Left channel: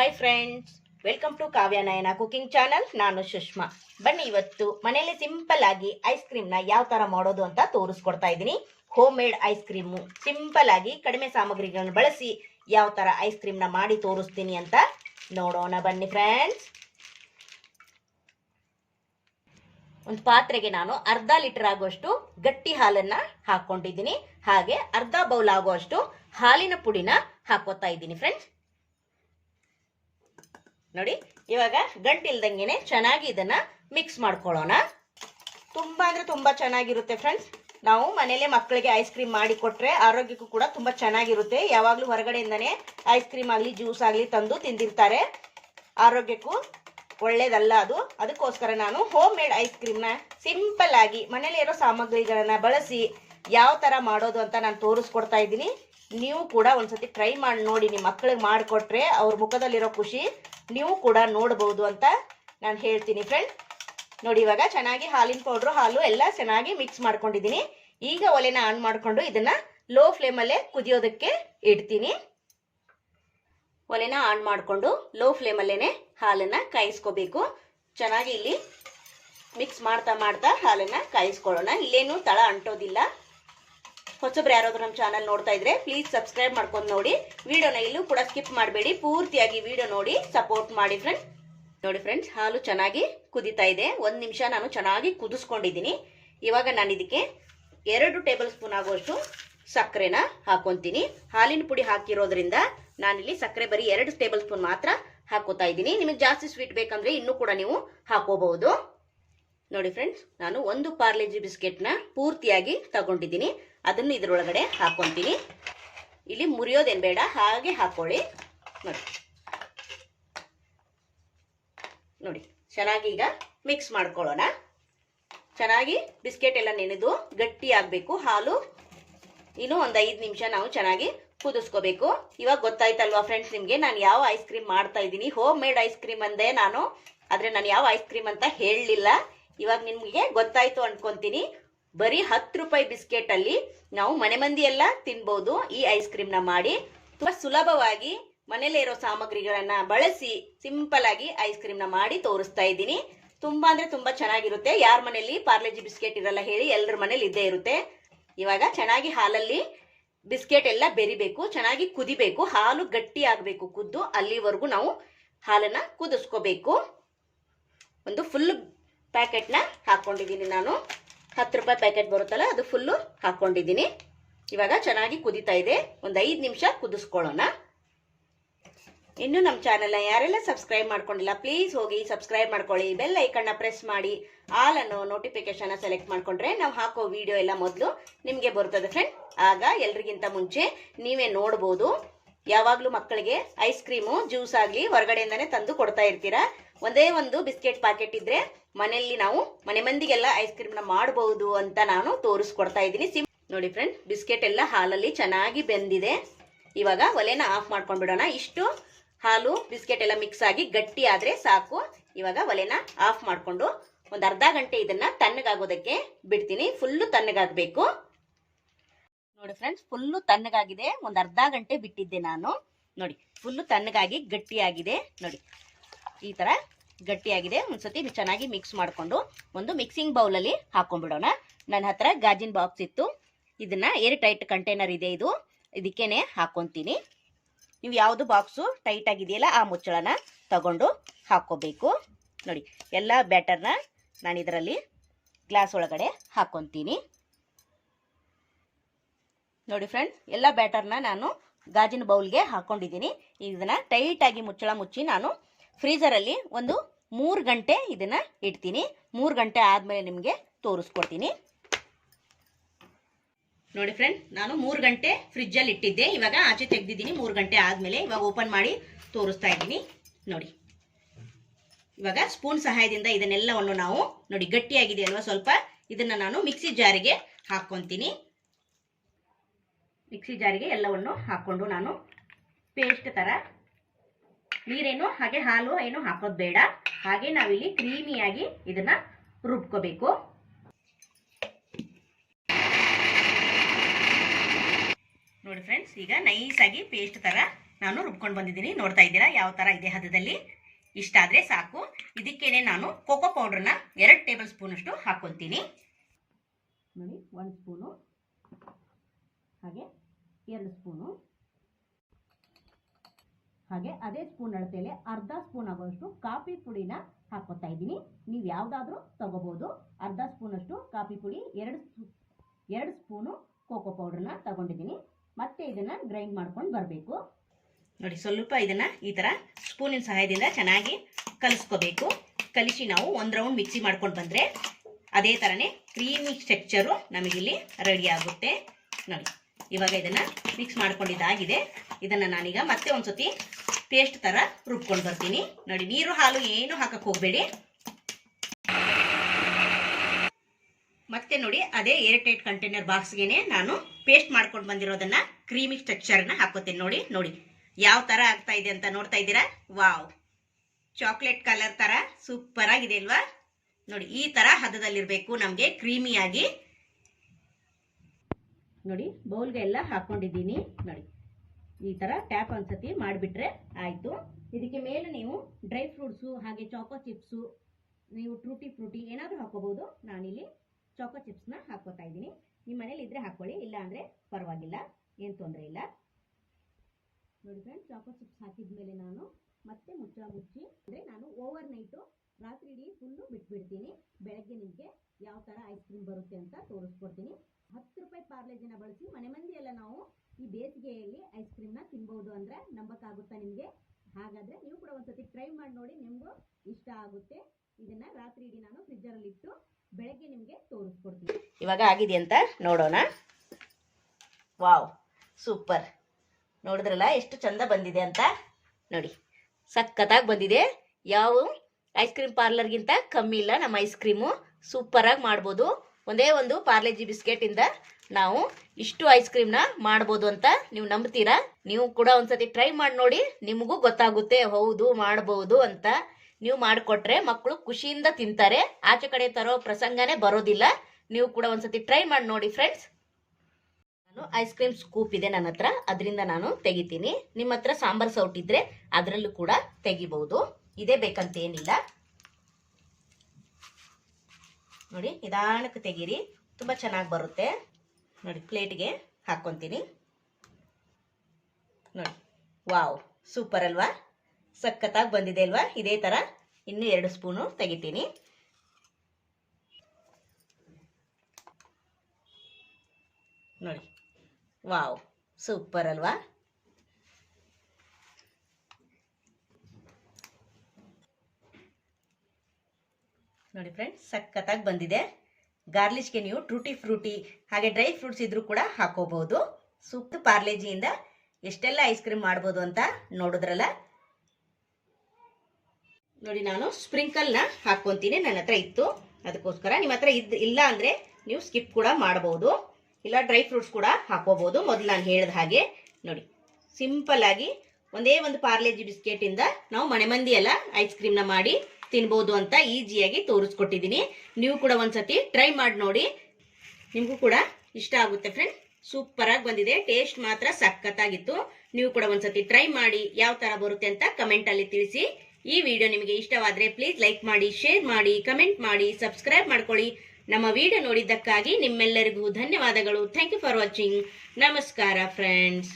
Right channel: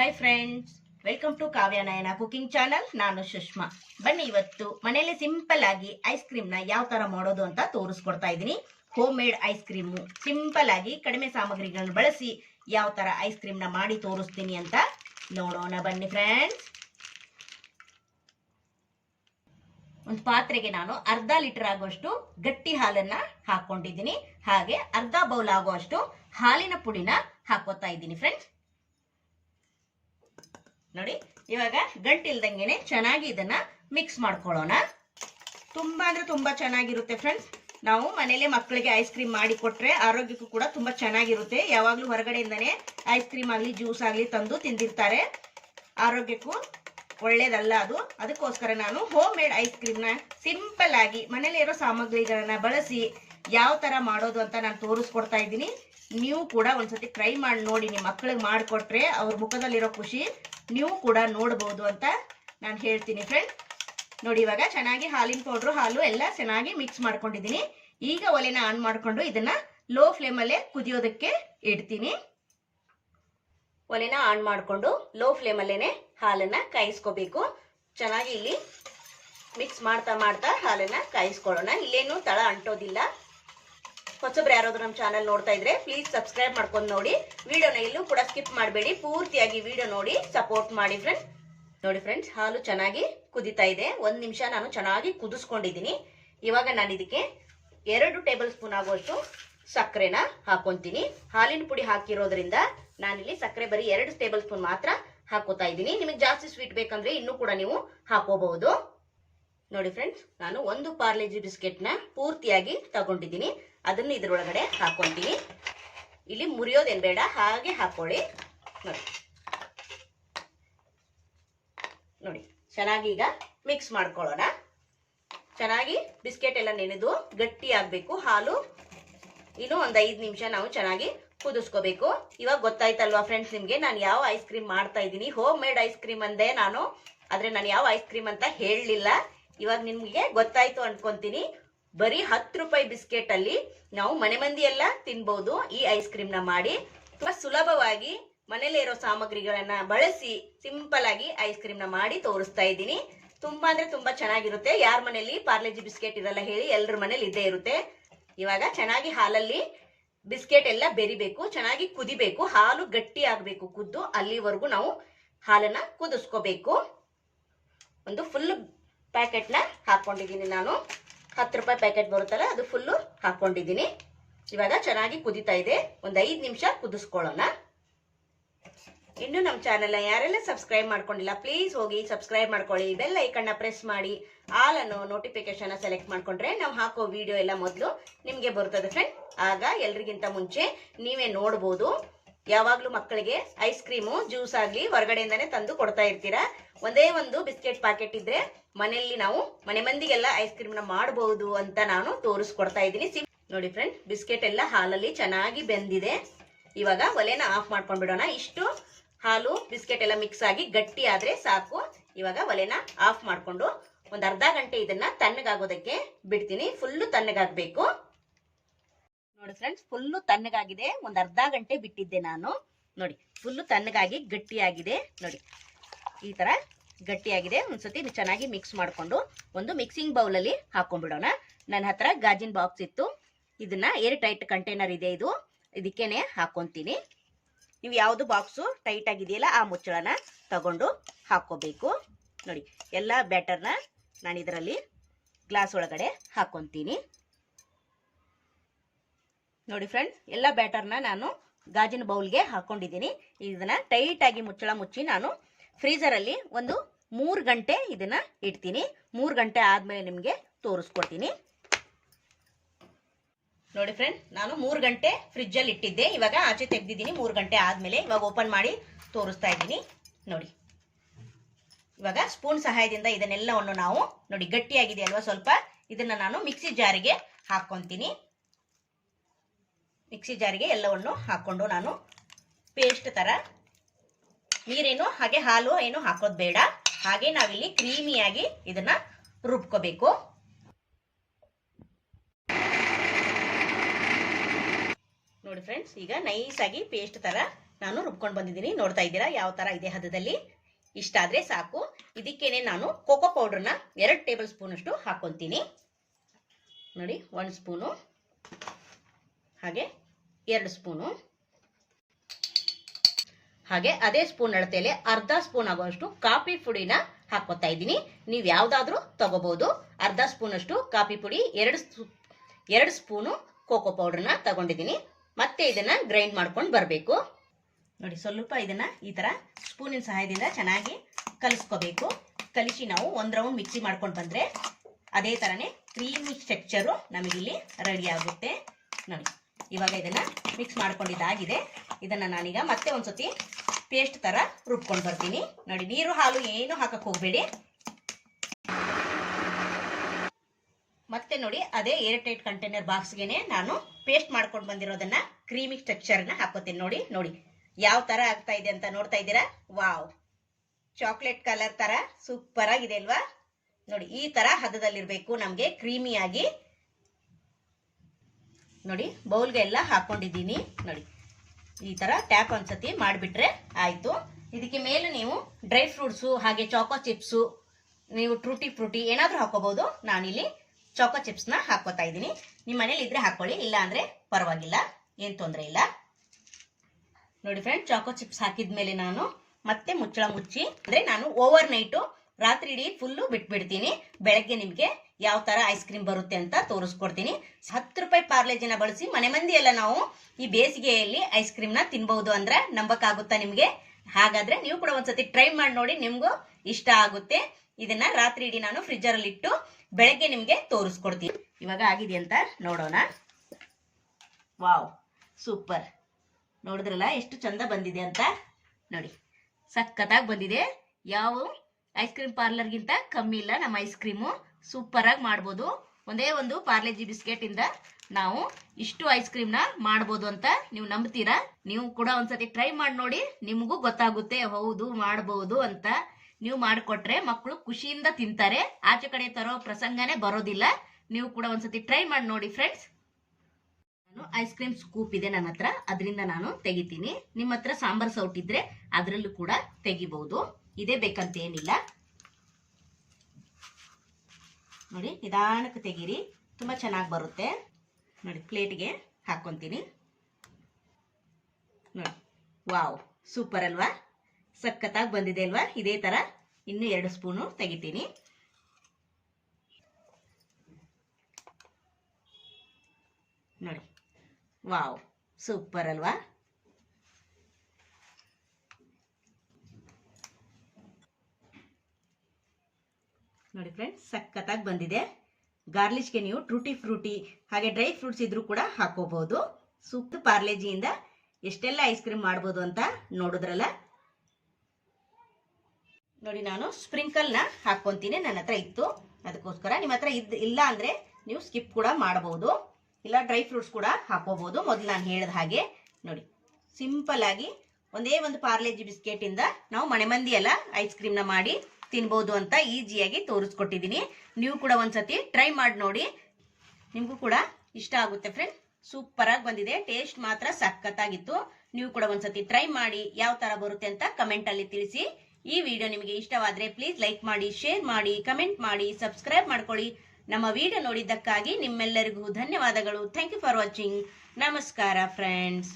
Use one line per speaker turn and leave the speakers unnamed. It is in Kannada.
Hi friends welcome to Kavya Nayana cooking channel ನಾನು ಸುಷ್ಮಾ ಬನ್ನಿ ಇವತ್ತು ಮನೆಯಲ್ಲಿ ಸಿಂಪಲ್ ಆಗಿ ಐಸ್ ಕ್ರೀಮ್ನ ಯಾವ ತರ ಮಾಡೋದು ಅಂತ ತೋರಿಸ್ಕೊಡ್ತಾ ಇದ್ದೀನಿ. Home made ice cream simple ಆಗಿ ಕಡಿಮೆ ಸಾಮಗ್ರಿಗಳನ್ನ ಬಳಸಿ ಯಾವ ತರ ಐಸ್ ಕ್ರೀಮ್ನ ಮಾಡಿ ತೋರಿಸ್ತೀನಿ ಅಂತ ನೋಡೋಣ. ಬನ್ನಿ ಫ್ರೆಂಡ್ಸ್ ಒಂದು ಪಾತ್ರೆಗೆ ನಾನು ಅರ್ಧ ಲೀಟರ್ ಆಗುವಷ್ಟು ಗಟ್ಟಿ ಹಾಲನ್ನ ಹಾಕೊಂಡಿದ್ದೀನಿ. ಹಾಗೆ ಅರ್ಧ ಬೌಲ್ ಆಗುವಷ್ಟು ಹಾಲಿನ ಪುಡಿನ ಹಾಕೋತಾ ಇದ್ದೀನಿ ಫ್ರೆಂಡ್ಸ್ ನೋಡಿ, ಇವಾಗ ಗಂಟಿಲ್ದಂಗೆನೆ ಚೆನ್ನಾಗಿ ಇದನ್ನ ಮಿಕ್ಸ್ ಮಾಡ್ಕೊಳ್ಳೋಣ. ತುಂಬಾ ಅಂದ್ರೆ ತುಂಬಾ ಚೆನ್ನಾಗಿರುತ್ತೆ ಫ್ರೆಂಡ್ಸ್ ನಾವು ಮನೇಲೆ ಮಕ್ಕಳಿಗೆ ಐಸ್ ಕ್ರೀಮ್ ಮಾಡಿ ಕೊಟ್ರೆ ಆರೋಗ್ಯಕ್ಕೂ ಕೂಡ ತುಂಬಾ ಚೆನ್ನಾಗಿರುತ್ತೆ. ಯಾವಾಗ್ಲೂ ಹೊರಗಡೆಯಿಂದನೇ ಐಸ್ ಕ್ರೀಮ್ ಆಗಲಿ ಜ್ಯೂಸ್ ಆಗಲಿ ತಂದು ತಿಂದಿರ್ತಾರೆ. ಆರೋಗ್ಯಕ್ಕೂ ಒಳ್ಳೇದಲ್ಲ ಅದು. ಅದಕ್ಕೋಸ್ಕರ ನಾನು ಹೋಮ್ ಮೇಡ್ ಐಸ್ ಕ್ರೀಮ್ನ ಸಿಂಪಲ್ ಆಗಿ ಮನೇಲಿ ಇರೋ ಸಾಮಗ್ರಿಗಳನ್ನ ಬಳಸಿ ಯಾವ ತರ ಮಾಡೋದು ಅಂತ ನಾನು ತೋರಿಸ್ಕೊಡ್ತಾ ಇದ್ದೀನಿ. ನೀವು ಕೂಡ ಒಂದ್ಸತಿ ಟ್ರೈ ಮಾಡಿ, ನೋಡಿ ನಿಮ್ಮ ಮಕ್ಕಳಿಗೆ ಮಾಡಿಕೊಟ್ರೆ ಅವ್ರ ಮುಖದಲ್ಲಿರೋ ಖುಷಿ ನೀವು ಕೂಡ ನೋಡ್ಬೋದು ಅಂತ ನಾನು ಹೇಳ್ತೀನಿ ಫ್ರೆಂಡ್ ನೋಡಿ ಇವಾಗ ಚೆನ್ನಾಗಿ ಹಾಲಿನ ಪೌಡ್ರು ಹಾಲು ಎಲ್ಲ ಚೆನ್ನಾಗಿ ಮಿಕ್ಸ್ ಮಾಡ್ಕೊಂಡಿದ್ದೀನಿ ಈಗ ಒಲೆನ ಆನ್ ಮಾಡಿಕೊಂಡು ಇದನ್ನ ಲೋ ಫ್ಲೇಮಲ್ಲೇ ಕುದಿಯೋದಕ್ಕೆ ಇಡ್ತೀನಿ. ಒಲೆನ ಆನ್ ಮಾಡಿಕೊಂಡು ಲೋ ಫ್ಲೇಮಲ್ಲೇ ಹಾಲನ್ನು ಕಾಯಿಸ್ಕೋಬೇಕು. ಚೆನ್ನಾಗಿ ಇಲ್ಲಿ ಮಿಕ್ಸ್ ಮಾಡ್ತಾ ಮಾಡ್ತಾ ಹಾಲನ್ನು ಕಾಯಿಸ್ಕೊಳ್ಳೋಣ. ಇಲ್ಲೇನು ತಳ ಅಂಟೋದಿಲ್ಲ. ಹೊಸಬ್ರು ಯಾರಾದ್ರೂ ನಮ್ಮ ಚಾನಲ್ ನೋಡ್ತಾ ಇದ್ರೆ ಪ್ಲೀಸ್ ಸಬ್ಸ್ಕ್ರೈಬ್ ಮಾಡ್ಕೊಂಡು ನೋಡಿ. ವಿಡಿಯೋನ ಇಲ್ಲೂ ಕೂಡ ಸ್ಕಿಪ್ ಮಾಡಬೇಡಿ. ಪೂರ್ತಿಯಾಗಿ ವಿಡಿಯೋ ನೋಡಿ ಸಪೋರ್ಟ್ ಮಾಡಿ ಫ್ರೆಂಡ್ಸ್ ನೋಡಿ ಫ್ರೆಂಡ್ಸ್ ಹಾಲು ಚೆನ್ನಾಗಿ ಕುದಿತಾ ಇದೆ. ಒಂದು ನಿಮಿಷ ನಾನು ಚೆನ್ನಾಗಿ ಕುದಿಸ್ಕೊಂಡಿದ್ದೀನಿ. ಇವಾಗ ನಾನು ಇದಕ್ಕೆ ಎರಡು ಟೇಬಲ್ ಸ್ಪೂನ್ ಆಗುವಷ್ಟು ಸಕ್ಕರೆನ ಹಾಕೊಂತೀನಿ. ಹಾಲಿನ ಪುಡಿ ಹಾಕಿರೋದ್ರಿಂದ ನಾನಿಲ್ಲಿ ಸಕ್ಕರೆ ಬರೀ ಎರಡು ಟೇಬಲ್ ಸ್ಪೂನ್ ಮಾತ್ರ ಹಾಕೋತಾ ಇದ್ದೀನಿ. ನಿಮಗೆ ಜಾಸ್ತಿ ಸ್ವೀಟ್ ಬೇಕಂದ್ರೆ ಇನ್ನೂ ಕೂಡ ನೀವು ಹಾಕೋಬಹುದು. ನೋಡಿ ಫ್ರೆಂಡ್ಸ್ ನಾನು ಒಂದು ಪಾರ್ಲೆಜಿ ಬಿಸ್ಕೆಟ್ನ ಪೂರ್ತಿಯಾಗಿ ತಗೊಂಡಿದ್ದೀನಿ. ಅದನ್ನು ಇದರೊಳಗಡೆ ಹಾಕೊಂತೀನಿ ಇಲ್ಲಿ ಮುರಿಯೋದೇನು ಬೇಡ, ಹಾಗೆ ಹಾಕೊಳ್ಳಿ. ನೋಡಿ. ನೋಡಿ, ಚೆನ್ನಾಗಿ ಈಗ ಮಿಕ್ಸ್ ಮಾಡ್ಕೊಳ್ಳೋಣ. ಚೆನ್ನಾಗಿ ಬಿಸ್ಕೆಟ್ ಎಲ್ಲ ನೆನೆದು ಗಟ್ಟಿ ಆಗಬೇಕು. ಹಾಲು ಇನ್ನು ಒಂದು ಐದು ನಿಮಿಷ ನಾವು ಚೆನ್ನಾಗಿ ಕುದಿಸ್ಕೋಬೇಕು. ಇವಾಗ ಗೊತ್ತಾಯ್ತಲ್ವಾ ಫ್ರೆಂಡ್ಸ್ ನಿಮಗೆ, ನಾನು ಯಾವ ಐಸ್ ಕ್ರೀಮ್ ಮಾಡ್ತಾ ಇದ್ದೀನಿ. ಹೋಮ್ ಮೇಡ್ ಐಸ್ ಕ್ರೀಮ್ ಅಂದೆ ನಾನು. ಆದ್ರೆ ನಾನು ಯಾವ ಐಸ್ ಕ್ರೀಮ್ ಅಂತ ಹೇಳಲಿಲ್ಲ. ಇವಾಗ ನಿಮಗೆ ಗೊತ್ತಾಯ್ತು ಅನ್ಕೊಂತೀನಿ. ಬರೀ ಹತ್ತು ರೂಪಾಯಿ ಬಿಸ್ಕೆಟ್ ಅಲ್ಲಿ ನಾವು ಮನೆ ಮಂದಿ ಎಲ್ಲ ತಿನ್ಬಹುದು ಈ ಐಸ್ ಕ್ರೀಮ್ನ ಮಾಡಿ. ತುಂಬಾ ಸುಲಭವಾಗಿ ಮನೇಲಿ ಇರೋ ಸಾಮಗ್ರಿಗಳನ್ನ ಬಳಸಿ ಸಿಂಪಲ್ ಆಗಿ ಐಸ್ ಕ್ರೀಮ್ನ ಮಾಡಿ ತೋರಿಸ್ತಾ ಇದ್ದೀನಿ. ತುಂಬಾ ಅಂದ್ರೆ ತುಂಬಾ ಚೆನ್ನಾಗಿರುತ್ತೆ. ಯಾರ ಮನೇಲಿ ಪಾರ್ಲೆಜಿ ಬಿಸ್ಕೆಟ್ ಇರಲ್ಲ ಹೇಳಿ ಎಲ್ಲರ ಮನೇಲಿ ಇದ್ದೇ ಇರುತ್ತೆ. ಇವಾಗ ಚೆನ್ನಾಗಿ ಹಾಲಲ್ಲಿ ಬಿಸ್ಕೆಟ್ ಎಲ್ಲ ಬೆರಿಬೇಕು, ಚೆನ್ನಾಗಿ ಕುದಿಬೇಕು. ಹಾಲು ಗಟ್ಟಿ ಆಗಬೇಕು ಕುದ್ದು, ಅಲ್ಲಿವರೆಗೂ ನಾವು ಹಾಲನ್ನ ಕುದಿಸ್ಕೋಬೇಕು. ಒಂದು ಫುಲ್ ಪ್ಯಾಕೆಟ್ನ ಹಾಕೊಂಡಿದ್ದೀನಿ ನಾನು. ಹತ್ತು ರೂಪಾಯಿ ಪ್ಯಾಕೆಟ್ ಬರುತ್ತಲ್ಲ, ಅದು ಫುಲ್ಲು ಹಾಕೊಂಡಿದ್ದೀನಿ. ಇವಾಗ ಚೆನ್ನಾಗಿ ಕುದಿತಾ ಇದೆ. ಒಂದು ಐದು ನಿಮಿಷ ಕುದಿಸ್ಕೊಳ್ಳೋಣ. ಇನ್ನು ನಮ್ಮ ಚಾನೆಲ್ನ ಯಾರೆಲ್ಲ ಸಬ್ಸ್ಕ್ರೈಬ್ ಮಾಡ್ಕೊಂಡಿಲ್ಲ ಪ್ಲೀಸ್ ಹೋಗಿ ಸಬ್ಸ್ಕ್ರೈಬ್ ಮಾಡ್ಕೊಳ್ಳಿ. ಬೆಲ್ ಐಕನ್ನ ಪ್ರೆಸ್ ಮಾಡಿ. ಆಲ್ ನೋಟಿಫಿಕೇಶನ್ ಸೆಲೆಕ್ಟ್ ಮಾಡ್ಕೊಂಡ್ರೆ ನಾವು ಹಾಕೋ ವಿಡಿಯೋ ಎಲ್ಲ ಮೊದಲು ನಿಮಗೆ ಬರ್ತದೆ ಫ್ರೆಂಡ್ ಆಗ ಎಲ್ರಿಗಿಂತ ಮುಂಚೆ ನೀವೇ ನೋಡ್ಬೋದು. ಯಾವಾಗಲೂ ಮಕ್ಕಳಿಗೆ ಐಸ್ ಕ್ರೀಮು ಜ್ಯೂಸ್ ಆಗಲಿ ಹೊರಗಡೆಯಿಂದನೇ ತಂದು ಕೊಡ್ತಾ ಇರ್ತೀರಾ? ಒಂದೇ ಒಂದು ಬಿಸ್ಕೆಟ್ ಪ್ಯಾಕೆಟ್ ಇದ್ರೆ ಮನೆಯಲ್ಲಿ ನಾವು ಮನೆ ಮಂದಿಗೆಲ್ಲ ಐಸ್ ಕ್ರೀಮ್ನ ಮಾಡಬಹುದು ಅಂತ ನಾನು ತೋರಿಸ್ಕೊಡ್ತಾ ಇದ್ದೀನಿ. ಸಿಮ್ ನೋಡಿ ಫ್ರೆಂಡ್ ಬಿಸ್ಕೆಟ್ ಎಲ್ಲ ಹಾಲಲ್ಲಿ ಚೆನ್ನಾಗಿ ಬೆಂದಿದೆ. ಇವಾಗ ಒಲೆನ ಆಫ್ ಮಾಡ್ಕೊಂಡ್ಬಿಡೋಣ ಇಷ್ಟು ಹಾಲು ಬಿಸ್ಕೆಟ್ ಎಲ್ಲ ಮಿಕ್ಸ್ ಆಗಿ ಗಟ್ಟಿ ಆದ್ರೆ ಸಾಕು. ಇವಾಗ ಒಲೆನ ಆಫ್ ಮಾಡ್ಕೊಂಡು ಒಂದು ಅರ್ಧ ಗಂಟೆ ಇದನ್ನ ತಣ್ಣಗಾಗೋದಕ್ಕೆ ಬಿಡ್ತೀನಿ. ಫುಲ್ಲು ತಣ್ಣಗಾಗಬೇಕು. ನೋಡಿ ಫ್ರೆಂಡ್ಸ್ ಫುಲ್ಲು ತಣ್ಣಗಾಗಿದೆ. ಒಂದು ಅರ್ಧ ಗಂಟೆ ಬಿಟ್ಟಿದ್ದೆ ನಾನು. ನೋಡಿ ಫುಲ್ಲು ತಣ್ಣಗಾಗಿ ಗಟ್ಟಿಯಾಗಿದೆ. ನೋಡಿ, ಈ ತರ ಗಟ್ಟಿಯಾಗಿದೆ. ಒಂದ್ಸತಿ ಚೆನ್ನಾಗಿ ಮಿಕ್ಸ್ ಮಾಡಿಕೊಂಡು ಒಂದು ಮಿಕ್ಸಿಂಗ್ ಬೌಲಲ್ಲಿ ಹಾಕೊಂಡ್ಬಿಡೋಣ. ನನ್ನ ಹತ್ರ ಗಾಜಿನ ಬಾಕ್ಸ್ ಇತ್ತು. ಇದನ್ನ ಏರ್ ಟೈಟ್ ಕಂಟೈನರ್ ಇದೆ ಇದು. ಇದಕ್ಕೇನೆ ಹಾಕೊಂತೀನಿ. ನೀವು ಯಾವುದು ಬಾಕ್ಸು ಟೈಟ್ ಆಗಿದೆಯಲ್ಲ ಆ ಮುಚ್ಚಳನ ತಗೊಂಡು ಹಾಕೋಬೇಕು. ನೋಡಿ, ಎಲ್ಲ ಬ್ಯಾಟರ್ನ ನಾನು ಇದರಲ್ಲಿ ಗ್ಲಾಸ್ ಒಳಗಡೆ ಹಾಕೊಂತೀನಿ. ನೋಡಿ ಫ್ರೆಂಡ್ಸ್ ಎಲ್ಲ ಬ್ಯಾಟರ್ನ ನಾನು ಗಾಜಿನ ಬೌಲ್ಗೆ ಹಾಕೊಂಡಿದ್ದೀನಿ. ಇದನ್ನ ಟೈಟ್ ಆಗಿ ಮುಚ್ಚಳ ಮುಚ್ಚಿ ನಾನು ಫ್ರೀಸರಲ್ಲಿ ಒಂದು ಮೂರು ಗಂಟೆ ಇದನ್ನ ಇಡ್ತೀನಿ. ಮೂರು ಗಂಟೆ ಆದಮೇಲೆ ನಿಮಗೆ ತೋರಿಸ್ಕೊಡ್ತೀನಿ. ನೋಡಿ ಫ್ರೆಂಡ್ ನಾನು ಮೂರು ಗಂಟೆ ಫ್ರಿಜ್ಜಲ್ಲಿ ಇಟ್ಟಿದ್ದೆ. ಇವಾಗ ಆಚೆ ತೆಗ್ದಿದ್ದೀನಿ. ಮೂರು ಗಂಟೆ ಆದಮೇಲೆ ಇವಾಗ ಓಪನ್ ಮಾಡಿ ತೋರಿಸ್ತಾ ಇದ್ದೀನಿ. ನೋಡಿ. ಇವಾಗ ಸ್ಪೂನ್ ಸಹಾಯದಿಂದ ಇದನ್ನೆಲ್ಲವನ್ನು ನಾವು ನೋಡಿ ಗಟ್ಟಿಯಾಗಿದೆ ಅಲ್ವಾ ಸ್ವಲ್ಪ? ಇದನ್ನ ನಾನು ಮಿಕ್ಸಿ ಜಾರಿಗೆ ಹಾಕೊಂತೀನಿ ಮಿಕ್ಸಿ ಜಾರಿಗೆ ಎಲ್ಲವನ್ನು ಹಾಕೊಂಡು ನಾನು ಪೇಸ್ಟ್ ತರ ನೀರೇನು ಹಾಗೆ ಹಾಲು ಏನು ಹಾಕೋದು ಬೇಡ. ಹಾಗೆ ನಾವಿಲ್ಲಿ ಕ್ರೀಮಿಯಾಗಿ ಇದನ್ನ ರುಬ್ಕೋಬೇಕು. ನೋಡಿ ಫ್ರೆಂಡ್ಸ್ ಈಗ ನೈಸ್ ಆಗಿ ಪೇಸ್ಟ್ ತರ ನಾನು ರುಬ್ಕೊಂಡು ಬಂದಿದ್ದೀನಿ. ನೋಡ್ತಾ ಇದ್ದೀರಾ ಯಾವ ತರ ಇದೆ ಹದದಲ್ಲಿ? ಇಷ್ಟ ಆದ್ರೆ ಸಾಕು. ಇದಕ್ಕೇನೆ ನಾನು ಕೋಕೋ ಪೌಡರ್ನ ಎರಡು ಟೇಬಲ್ ಸ್ಪೂನ್ ಅಷ್ಟು ಹಾಕ್ಕೊತೀನಿ. ನೋಡಿ, ಒಂದು ಸ್ಪೂನು ಹಾಗೆ ಎರಡು ಸ್ಪೂನು ಹಾಗೆ ಅದೇ ಸ್ಪೂನ್ ಅಳತೆಯಲ್ಲಿ ಅರ್ಧ ಸ್ಪೂನ್ ಆಗುವಷ್ಟು ಕಾಫಿ ಪುಡಿನ ಹಾಕೋತಾ ಇದ್ದೀನಿ. ನೀವು ಯಾವ್ದಾದ್ರೂ ತಗೋಬಹುದು ಅರ್ಧ ಸ್ಪೂನ್ ಅಷ್ಟು ಕಾಫಿ ಪುಡಿ, ಎರಡು ಎರಡು ಸ್ಪೂನು ಕೋಕೋ ಪೌಡರ್ನ ತಗೊಂಡಿದ್ದೀನಿ. ಮತ್ತೆ ಇದನ್ನ ಗ್ರೈಂಡ್ ಮಾಡ್ಕೊಂಡು ಬರಬೇಕು. ನೋಡಿ ಸ್ವಲ್ಪ ಇದನ್ನ ಈ ತರ ಸ್ಪೂನಿನ ಸಹಾಯದಿಂದ ಚೆನ್ನಾಗಿ ಕಲಿಸ್ಕೋಬೇಕು. ಕಲಿಸಿ ನಾವು ಒಂದ್ ರೌಂಡ್ ಮಿಕ್ಸಿ ಮಾಡ್ಕೊಂಡು ಬಂದ್ರೆ ಅದೇ ತರನೇ ಕ್ರೀಮಿ ಸ್ಟ್ರಕ್ಚರು ನಮಗಿಲ್ಲಿ ರೆಡಿ ಆಗುತ್ತೆ. ನೋಡಿ, ಇವಾಗ ಇದನ್ನ ಮಿಕ್ಸ್ ಮಾಡ್ಕೊಂಡಿದ್ದಾಗಿದೆ. ಇದನ್ನ ನಾನೀಗ ಮತ್ತೆ ಒಂದ್ಸತಿ ಪೇಸ್ಟ್ ತರ ರುಬ್ಕೊಂಡು ಬರ್ತೀನಿ. ನೋಡಿ, ನೀರು, ಹಾಲು ಏನು ಹಾಕಕ್ ಹೋಗ್ಬೇಡಿ. ಮತ್ತೆ ನೋಡಿ, ಅದೇ ಏರ್ ಟೈಟ್ ಕಂಟೈನರ್ ಬಾಕ್ಸ್ಗೆನೆ ನಾನು ಪೇಸ್ಟ್ ಮಾಡ್ಕೊಂಡು ಬಂದಿರೋದನ್ನ ಕ್ರೀಮಿ ಸ್ಟ್ರಕ್ಚರ್ನ ಹಾಕೋತೀನಿ ನೋಡಿ ನೋಡಿ. ಯಾವ ತರ ಆಗ್ತಾ ಇದೆ ಅಂತ ನೋಡ್ತಾ ಇದ್ದೀರಾ? ವಾವ್. ಚಾಕ್ಲೇಟ್ ಕಲರ್ ತರ ಸೂಪರ್ ಆಗಿದೆ ಅಲ್ವಾ? ನೋಡಿ, ಈ ತರ ಹದದಲ್ಲಿರ್ಬೇಕು ನಮ್ಗೆ ಕ್ರೀಮಿಯಾಗಿ ನೋಡಿ ಬೌಲ್ಗೆಲ್ಲ ಹಾಕೊಂಡಿದ್ದೀನಿ. ನೋಡಿ. ಈ ತರ ಟ್ಯಾಪ್ ಒಂದ್ಸತಿ ಮಾಡಿಬಿಟ್ರೆ ಆಯ್ತು. ಇದಕ್ಕೆ ಮೇಲೆ ನೀವು ಡ್ರೈ ಫ್ರೂಟ್ಸು ಹಾಗೆ ಚಾಕೋ ಚಿಪ್ಸು ನೀವು ಟ್ರೂಟಿ ಫ್ರೂಟಿ ಏನಾದ್ರೂ ಹಾಕೋಬಹುದು ನಾನಿಲ್ಲಿ ಚಾಕೋ ಚಿಪ್ಸ್ನ ಹಾಕೋತಾ ಇದ್ದೀನಿ. ನಿಮ್ಮ ಮನೇಲಿ ಇದ್ರೆ ಹಾಕೊಳ್ಳಿ ಇಲ್ಲ ಅಂದ್ರೆ ಪರವಾಗಿಲ್ಲ, ಏನು ತೊಂದರೆ ಇಲ್ಲ. ನೋಡಿ ಫ್ರೆಂಡ್ ಚಾಕೋ ಚಿಪ್ಸ್ ಹಾಕಿದ್ಮೇಲೆ ನಾನು ಮತ್ತೆ ಮುಚ್ಚಳ ಮುಚ್ಚಿ, ಅಂದ್ರೆ ನಾನು ಓವರ್ ನೈಟು ರಾತ್ರಿ ಇಡೀ ಫುಲ್ಲು ಬಿಟ್ಬಿಡ್ತೀನಿ. ಬೆಳಗ್ಗೆ ನಿಮಗೆ ಯಾವ ತರ ಐಸ್ ಕ್ರೀಮ್ ಬರುತ್ತೆ ಅಂತ ತೋರಿಸ್ಕೊಡ್ತೀನಿ. ಹತ್ತು ರೂಪಾಯಿ ಪಾರ್ಲೇಜಿನ ಬಳಸಿ ಮನೆ ಮಂದಿಯೆಲ್ಲ ನಾವು ಈ ಬೇಸಿಗೆಯಲ್ಲಿ ಐಸ್ ಕ್ರೀಮ್ನ ತಿನ್ಬಹುದು ಅಂದ್ರೆ ನಂಬಕ್ಕಾಗುತ್ತಾ ನಿಮಗೆ? ಹಾಗಾದ್ರೆ ನೀವು ಕೂಡ ಒಂದ್ಸತಿ ಟ್ರೈ ಮಾಡಿ ನೋಡಿ ನಿಮಗೂ ಇಷ್ಟ ಆಗುತ್ತೆ. ಇದನ್ನ ರಾತ್ರಿ ಇಡೀ ನಾನು ಫ್ರಿಜ್ಜರಲ್ಲಿ ಇಟ್ಟು ಬೆಳಗ್ಗೆ ನಿಮಗೆ ತೋರಿಸ್ಕೊಡ್ತೀನಿ. ಇವಾಗ ಆಗಿದೆ ಅಂತ ನೋಡೋಣ. Wow, super. ನೋಡಿದ್ರಲ್ಲ ಎಷ್ಟು ಚಂದ ಬಂದಿದೆ ಅಂತ? ನೋಡಿ, ಸಖತ್ತಾಗಿ ಬಂದಿದೆ. ಯಾವ ಐಸ್ ಕ್ರೀಮ್ ಪಾರ್ಲರ್ಗಿಂತ ಕಮ್ಮಿ ಇಲ್ಲ ನಮ್ಮ ಐಸ್ ಕ್ರೀಮು ಸೂಪರ್ ಆಗಿ ಮಾಡ್ಬೋದು. ಒಂದೇ ಒಂದು ಪಾರ್ಲೆಜಿ ಬಿಸ್ಕೆಟ್ ಇಂದ ನಾವು ಇಷ್ಟು ಐಸ್ ಕ್ರೀಮ್ನ ಮಾಡ್ಬೋದು ಅಂತ ನೀವು ನಂಬ್ತೀರಾ? ನೀವು ಕೂಡ ಒಂದ್ಸತಿ ಟ್ರೈ ಮಾಡಿ ನೋಡಿ, ನಿಮಗೂ ಗೊತ್ತಾಗುತ್ತೆ, ಹೌದು ಮಾಡಬಹುದು ಅಂತ. ನೀವು ಮಾಡಿಕೊಟ್ರೆ ಮಕ್ಕಳು ಖುಷಿಯಿಂದ ತಿಂತಾರೆ. ಆಚೆ ಕಡೆ ತರೋ ಪ್ರಸಂಗನೇ ಬರೋದಿಲ್ಲ. ನೀವು ಕೂಡ ಒಂದ್ಸತಿ ಟ್ರೈ ಮಾಡಿ ನೋಡಿ ಫ್ರೆಂಡ್ಸ್ ನಾನು ಐಸ್ ಕ್ರೀಮ್ ಸ್ಕೂಪ್ ಇದೆ ನನ್ನ ಹತ್ರ. ಅದರಿಂದ ನಾನು ತೆಗಿತೀನಿ. ನಿಮ್ಮ ಹತ್ರ ಸಾಂಬಾರ್ ಸೌಟ್ ಇದ್ರೆ ಅದರಲ್ಲೂ ಕೂಡ ತೆಗಿಬಹುದು ಇದೇ ಬೇಕಂತ ಏನಿಲ್ಲ. ನೋಡಿ, ನಿಧಾನಕ್ಕೆ ತೆಗೀರಿ. ತುಂಬ ಚೆನ್ನಾಗಿ ಬರುತ್ತೆ. ನೋಡಿ, ಪ್ಲೇಟ್ಗೆ ಹಾಕ್ಕೊತೀನಿ ನೋಡಿ, ವಾವ್, ಸೂಪರ್ ಅಲ್ವಾ? ಸಖತ್ತಾಗಿ ಬಂದಿದೆ ಅಲ್ವಾ? ಇದೇ ಥರ ಇನ್ನು ಎರಡು ಸ್ಪೂನು ತೆಗಿತೀನಿ. ನೋಡಿ, ವಾವ್, ಸೂಪರ್ ಅಲ್ವಾ? ನೋಡಿ ಫ್ರೆಂಡ್ಸ್ ಸಖತ್ತಾಗಿ ಬಂದಿದೆ. ಗಾರ್ಲಿಶ್ಗೆ ನೀವು ಟ್ರೂಟಿ ಫ್ರೂಟಿ ಹಾಗೆ ಡ್ರೈ ಫ್ರೂಟ್ಸ್ ಇದ್ರೂ ಕೂಡ ಹಾಕೋಬಹುದು. ಸೂಕ್ತ ಪಾರ್ಲೆಜಿಯಿಂದ ಎಷ್ಟೆಲ್ಲ ಐಸ್ ಕ್ರೀಮ್ ಮಾಡ್ಬೋದು ಅಂತ ನೋಡಿದ್ರಲ್ಲ? ನೋಡಿ ನಾನು ಸ್ಪ್ರಿಂಕಲ್ನ ಹಾಕ್ಕೊತೀನಿ, ನನ್ನ ಹತ್ರ ಇತ್ತು. ಅದಕ್ಕೋಸ್ಕರ ನಿಮ್ಮ ಹತ್ರ ಇದ್ ಇಲ್ಲ ಅಂದ್ರೆ ನೀವು ಸ್ಕಿಪ್ ಕೂಡ ಮಾಡಬಹುದು ಇಲ್ಲ ಡ್ರೈ ಫ್ರೂಟ್ಸ್ ಕೂಡ ಹಾಕೋಬಹುದು. ಮೊದಲು ನಾನು ಹೇಳಿದ ಹಾಗೆ. ನೋಡಿ ಸಿಂಪಲ್ ಆಗಿ ಒಂದೇ ಒಂದು ಪಾರ್ಲೆಜಿ ಬಿಸ್ಕೆಟಿಂದ ನಾವು ಮನೆ ಮಂದಿ ಎಲ್ಲ ಐಸ್ ಕ್ರೀಮ್ನ ಮಾಡಿ ತಿನ್ಬೋದು ಅಂತ ಈಸಿಯಾಗಿ ತೋರಿಸ್ಕೊಟ್ಟಿದ್ದೀನಿ. ನೀವು ಕೂಡ ಒಂದ್ಸತಿ ಟ್ರೈ ಮಾಡಿ ನೋಡಿ. ನಿಮಗೂ ಕೂಡ ಇಷ್ಟ ಆಗುತ್ತೆ ಫ್ರೆಂಡ್ ಸೂಪರ್ ಆಗಿ ಬಂದಿದೆ. ಟೇಸ್ಟ್ ಮಾತ್ರ ಸಖತ್ತಾಗಿತ್ತು. ನೀವು ಕೂಡ ಒಂದ್ಸತಿ ಟ್ರೈ ಮಾಡಿ ಯಾವ ತರ ಬರುತ್ತೆ ಅಂತ ಕಮೆಂಟ್ ಅಲ್ಲಿ ತಿಳಿಸಿ. ಈ ವಿಡಿಯೋ ನಿಮಗೆ ಇಷ್ಟವಾದ್ರೆ ಪ್ಲೀಸ್ ಲೈಕ್ ಮಾಡಿ ಶೇರ್ ಮಾಡಿ ಕಮೆಂಟ್ ಮಾಡಿ ಸಬ್ಸ್ಕ್ರೈಬ್ ಮಾಡ್ಕೊಳ್ಳಿ. ನಮ್ಮ ವಿಡಿಯೋ ನೋಡಿದ್ದಕ್ಕಾಗಿ ನಿಮ್ಮೆಲ್ಲರಿಗೂ ಧನ್ಯವಾದಗಳು. ಥ್ಯಾಂಕ್ ಯು ಫಾರ್ ವಾಚಿಂಗ್ ನಮಸ್ಕಾರ ಫ್ರೆಂಡ್ಸ್